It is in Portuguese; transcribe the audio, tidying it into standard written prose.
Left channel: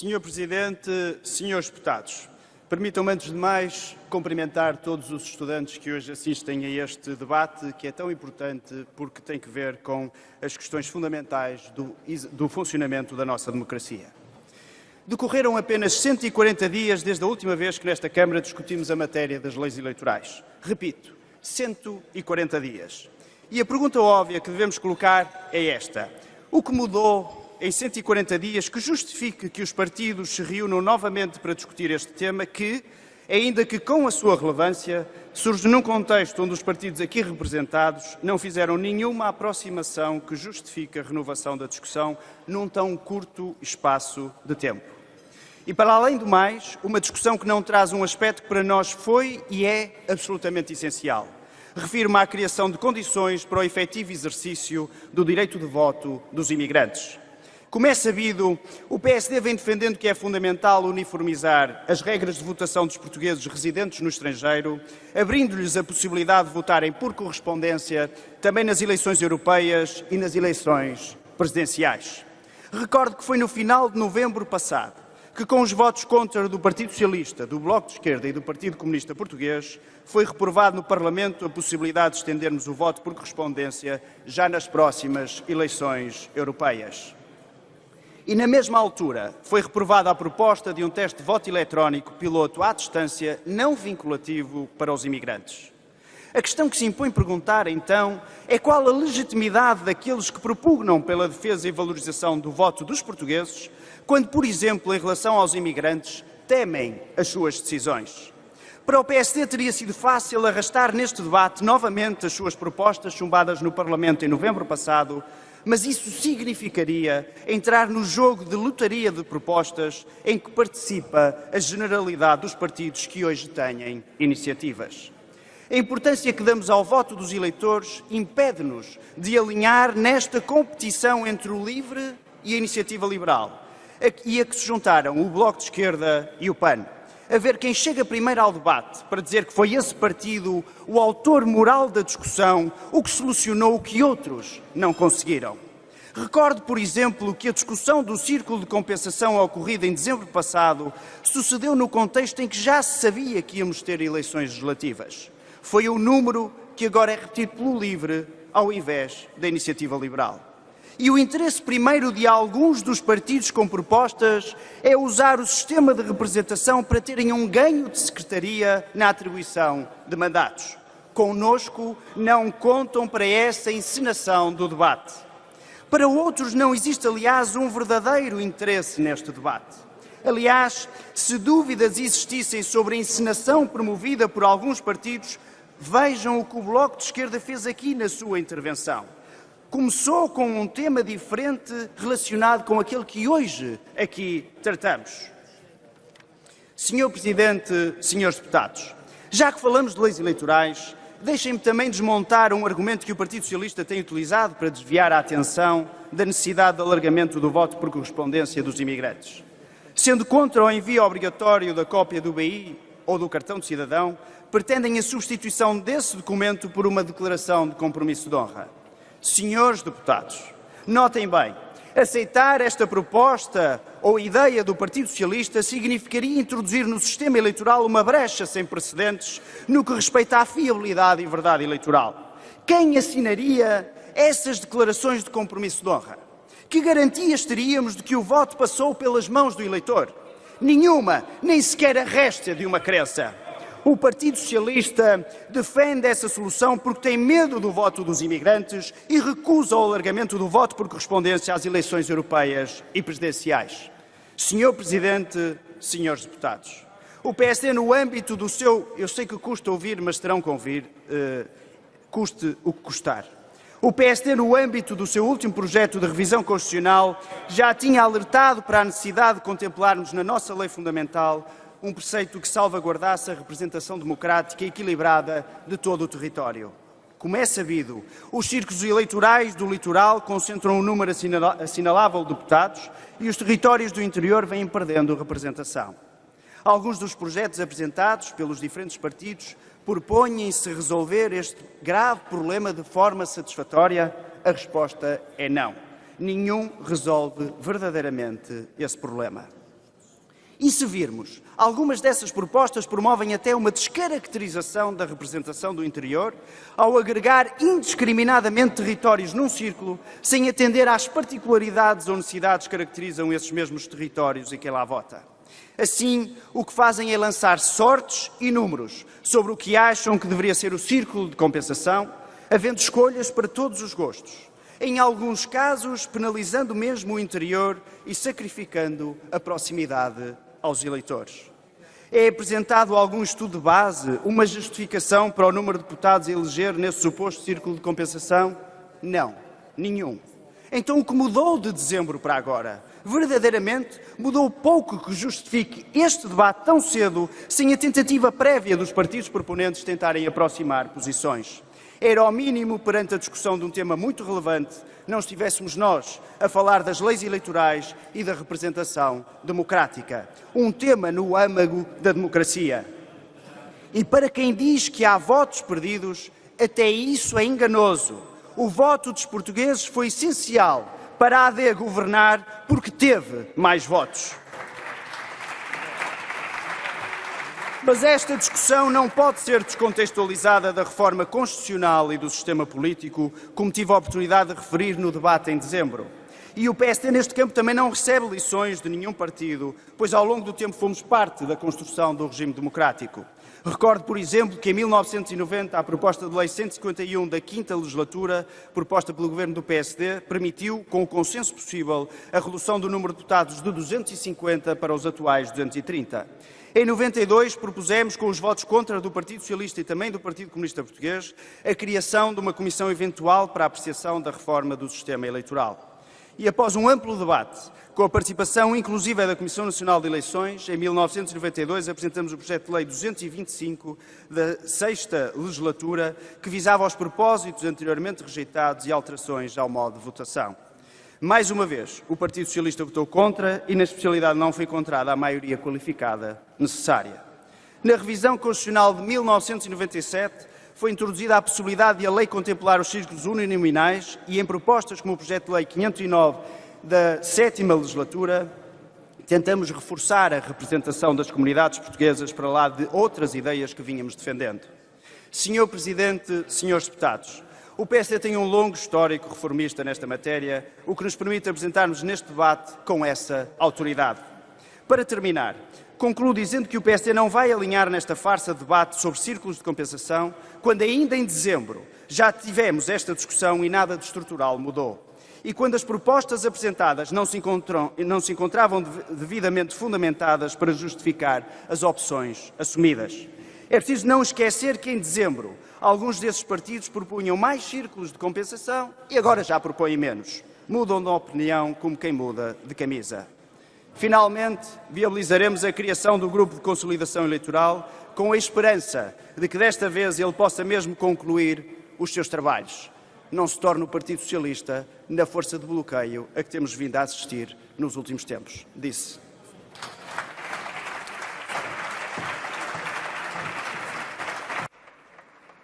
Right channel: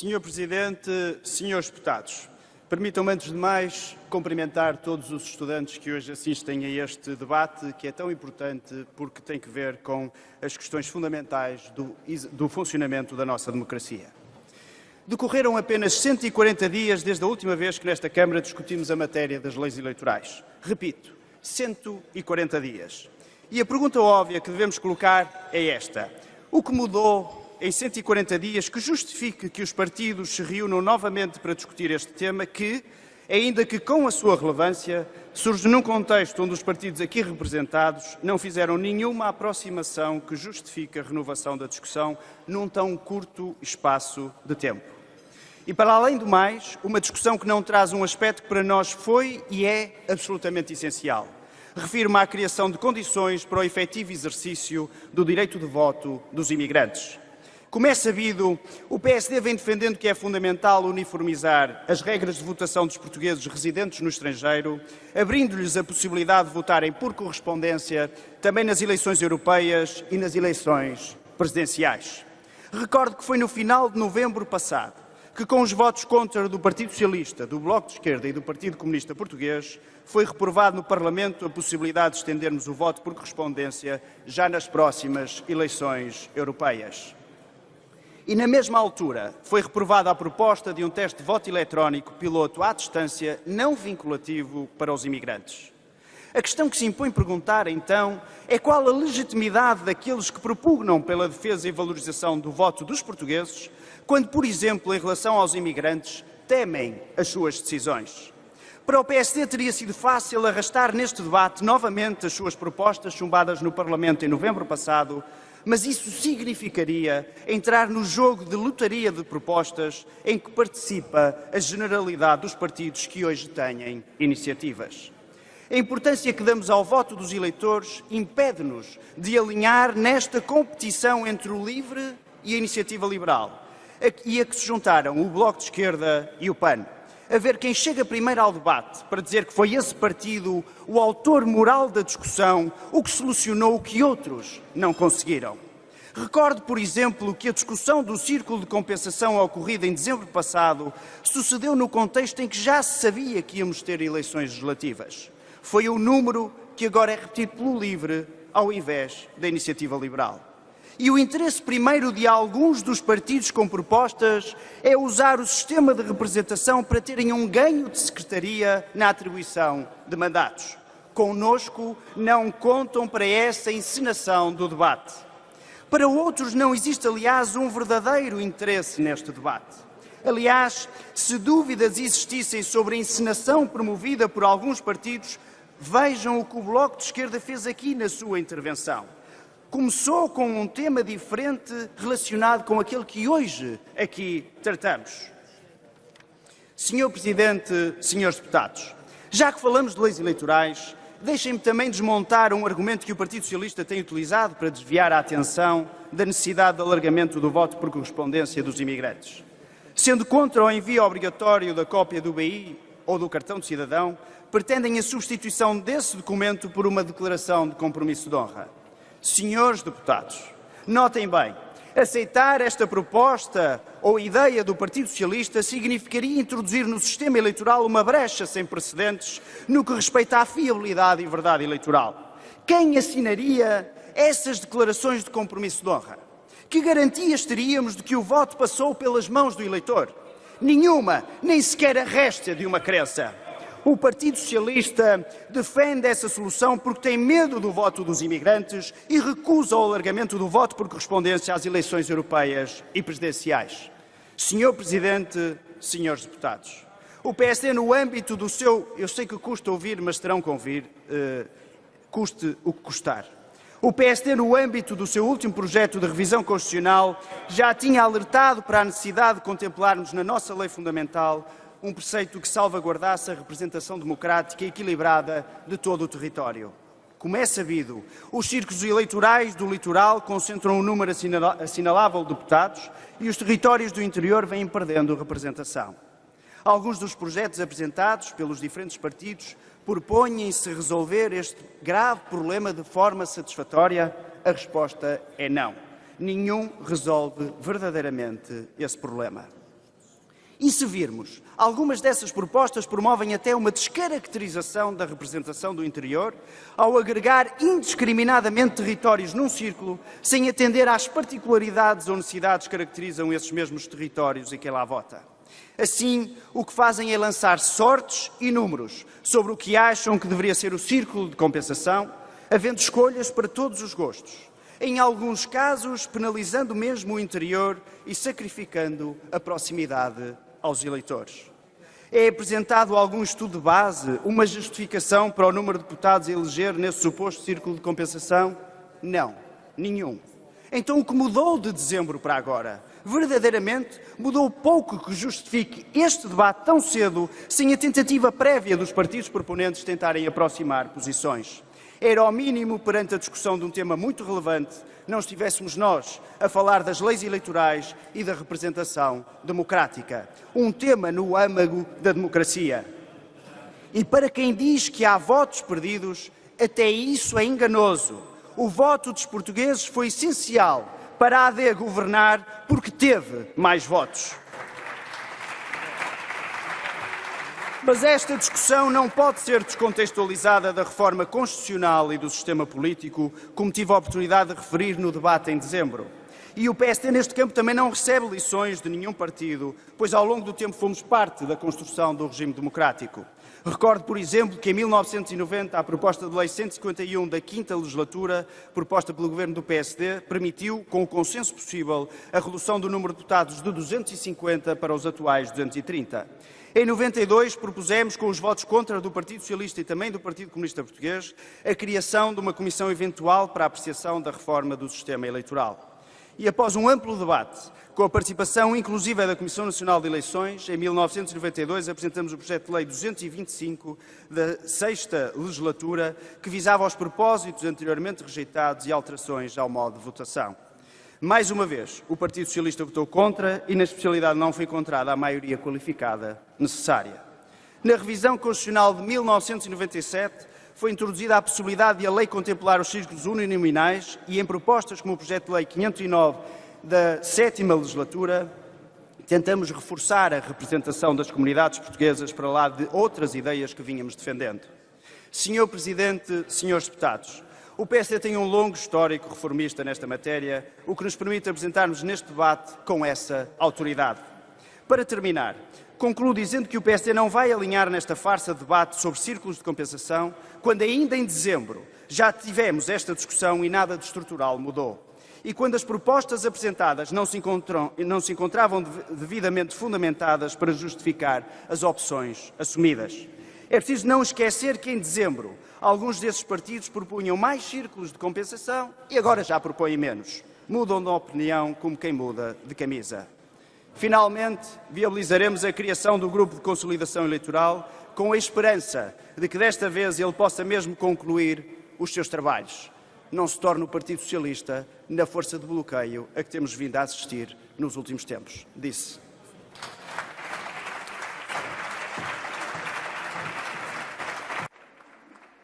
Senhor Presidente, senhores deputados, permitam-me antes de mais cumprimentar todos os estudantes que hoje assistem a este debate, que é tão importante porque tem que ver com as questões fundamentais do funcionamento da nossa democracia. Decorreram apenas 140 dias desde a última vez que nesta Câmara discutimos a matéria das leis eleitorais. Repito, 140 dias. E a pergunta óbvia que devemos colocar é esta: o que mudou em 140 dias que justifique que os partidos se reúnam novamente para discutir este tema que, ainda que com a sua relevância, surge num contexto onde os partidos aqui representados não fizeram nenhuma aproximação que justifique a renovação da discussão num tão curto espaço de tempo. E, para além do mais, uma discussão que não traz um aspecto que para nós foi e é absolutamente essencial. Refiro-me à criação de condições para o efetivo exercício do direito de voto dos imigrantes. Como é sabido, o PSD vem defendendo que é fundamental uniformizar as regras de votação dos portugueses residentes no estrangeiro, abrindo-lhes a possibilidade de votarem por correspondência também nas eleições europeias e nas eleições presidenciais. Recordo que foi no final de novembro passado que, com os votos contra do Partido Socialista, do Bloco de Esquerda e do Partido Comunista Português, foi reprovado no Parlamento a possibilidade de estendermos o voto por correspondência já nas próximas eleições europeias. E, na mesma altura, foi reprovada a proposta de um teste de voto eletrónico piloto à distância não vinculativo para os imigrantes. A questão que se impõe perguntar, então, é qual a legitimidade daqueles que propugnam pela defesa e valorização do voto dos portugueses, quando, por exemplo, em relação aos imigrantes, temem as suas decisões. Para o PSD teria sido fácil arrastar neste debate novamente as suas propostas chumbadas no Parlamento em novembro passado, mas isso significaria entrar no jogo de lotaria de propostas em que participa a generalidade dos partidos que hoje têm iniciativas. A importância que damos ao voto dos eleitores impede-nos de alinhar nesta competição entre o LIVRE e a Iniciativa Liberal, a que se juntaram o Bloco de Esquerda e o PAN. A ver quem chega primeiro ao debate para dizer que foi esse partido o autor moral da discussão, o que solucionou o que outros não conseguiram. Recordo, por exemplo, que a discussão do círculo de compensação ocorrida em dezembro passado sucedeu no contexto em que já se sabia que íamos ter eleições legislativas. Foi o número que agora é repetido pelo LIVRE ao invés da Iniciativa Liberal. E o interesse primeiro de alguns dos partidos com propostas é usar o sistema de representação para terem um ganho de secretaria na atribuição de mandatos. Connosco não contam para essa encenação do debate. Para outros não existe, aliás, um verdadeiro interesse neste debate. Aliás, se dúvidas existissem sobre a encenação promovida por alguns partidos, vejam o que o Bloco de Esquerda fez aqui na sua intervenção. Começou com um tema diferente relacionado com aquele que hoje aqui tratamos. Senhor Presidente, senhores deputados, já que falamos de leis eleitorais, deixem-me também desmontar um argumento que o Partido Socialista tem utilizado para desviar a atenção da necessidade de alargamento do voto por correspondência dos imigrantes. Sendo contra o envio obrigatório da cópia do BI ou do cartão de cidadão, pretendem a substituição desse documento por uma declaração de compromisso de honra. Senhores deputados, notem bem, aceitar esta proposta ou ideia do Partido Socialista significaria introduzir no sistema eleitoral uma brecha sem precedentes no que respeita à fiabilidade e verdade eleitoral. Quem assinaria essas declarações de compromisso de honra? Que garantias teríamos de que o voto passou pelas mãos do eleitor? Nenhuma, nem sequer a réstia de uma crença. O Partido Socialista defende essa solução porque tem medo do voto dos imigrantes e recusa o alargamento do voto por correspondência às eleições europeias e presidenciais. Senhor Presidente, senhores deputados, o PSD no âmbito do seu... Eu sei que custa ouvir, mas terão que ouvir, custe o que custar. O PSD, no âmbito do seu último projeto de revisão constitucional, já tinha alertado para a necessidade de contemplarmos na nossa lei fundamental um preceito que salvaguardasse a representação democrática e equilibrada de todo o território. Como é sabido, os círculos eleitorais do litoral concentram um número assinalável de deputados e os territórios do interior vêm perdendo representação. Alguns dos projetos apresentados pelos diferentes partidos propõem-se resolver este grave problema de forma satisfatória? A resposta é não. Nenhum resolve verdadeiramente esse problema. E se virmos, algumas dessas propostas promovem até uma descaracterização da representação do interior, ao agregar indiscriminadamente territórios num círculo, sem atender às particularidades ou necessidades que caracterizam esses mesmos territórios e quem lá vota. Assim, o que fazem é lançar sortes e números sobre o que acham que deveria ser o círculo de compensação, havendo escolhas para todos os gostos. Em alguns casos, penalizando mesmo o interior e sacrificando a proximidade aos eleitores. É apresentado algum estudo de base, uma justificação para o número de deputados a eleger nesse suposto círculo de compensação? Não, nenhum. Então o que mudou de dezembro para agora? Verdadeiramente mudou pouco que justifique este debate tão cedo, sem a tentativa prévia dos partidos proponentes tentarem aproximar posições. Era ao mínimo, perante a discussão de um tema muito relevante, não estivéssemos nós a falar das leis eleitorais e da representação democrática. Um tema no âmago da democracia. E para quem diz que há votos perdidos, até isso é enganoso. O voto dos portugueses foi essencial para a AD governar porque teve mais votos. Mas esta discussão não pode ser descontextualizada da reforma constitucional e do sistema político, como tive a oportunidade de referir no debate em dezembro. E o PSD neste campo também não recebe lições de nenhum partido, pois ao longo do tempo fomos parte da construção do regime democrático. Recordo, por exemplo, que em 1990 a proposta de lei 151 da 5ª legislatura, proposta pelo governo do PSD, permitiu, com o consenso possível, a redução do número de deputados de 250 para os atuais 230. Em 92 propusemos, com os votos contra do Partido Socialista e também do Partido Comunista Português, a criação de uma comissão eventual para a apreciação da reforma do sistema eleitoral. E após um amplo debate, com a participação inclusiva da Comissão Nacional de Eleições, em 1992 apresentamos o projeto de lei 225 da 6ª legislatura, que visava aos propósitos anteriormente rejeitados e alterações ao modo de votação. Mais uma vez, o Partido Socialista votou contra e, na especialidade, não foi encontrada a maioria qualificada necessária. Na revisão constitucional de 1997, foi introduzida a possibilidade de a lei contemplar os círculos uninominais e, em propostas como o projeto de lei 509 da 7ª legislatura, tentamos reforçar a representação das comunidades portuguesas para lá de outras ideias que vínhamos defendendo. Senhor Presidente, senhores deputados, o PSD tem um longo histórico reformista nesta matéria, o que nos permite apresentarmos neste debate com essa autoridade. Para terminar, concluo dizendo que o PSD não vai alinhar nesta farsa de debate sobre círculos de compensação, quando ainda em dezembro já tivemos esta discussão e nada de estrutural mudou. E quando as propostas apresentadas não se encontravam devidamente fundamentadas para justificar as opções assumidas. É preciso não esquecer que em dezembro alguns desses partidos propunham mais círculos de compensação e agora já propõem menos. Mudam de opinião como quem muda de camisa. Finalmente, viabilizaremos a criação do Grupo de Consolidação Eleitoral com a esperança de que desta vez ele possa mesmo concluir os seus trabalhos. Não se torne o Partido Socialista na força de bloqueio a que temos vindo a assistir nos últimos tempos. Disse.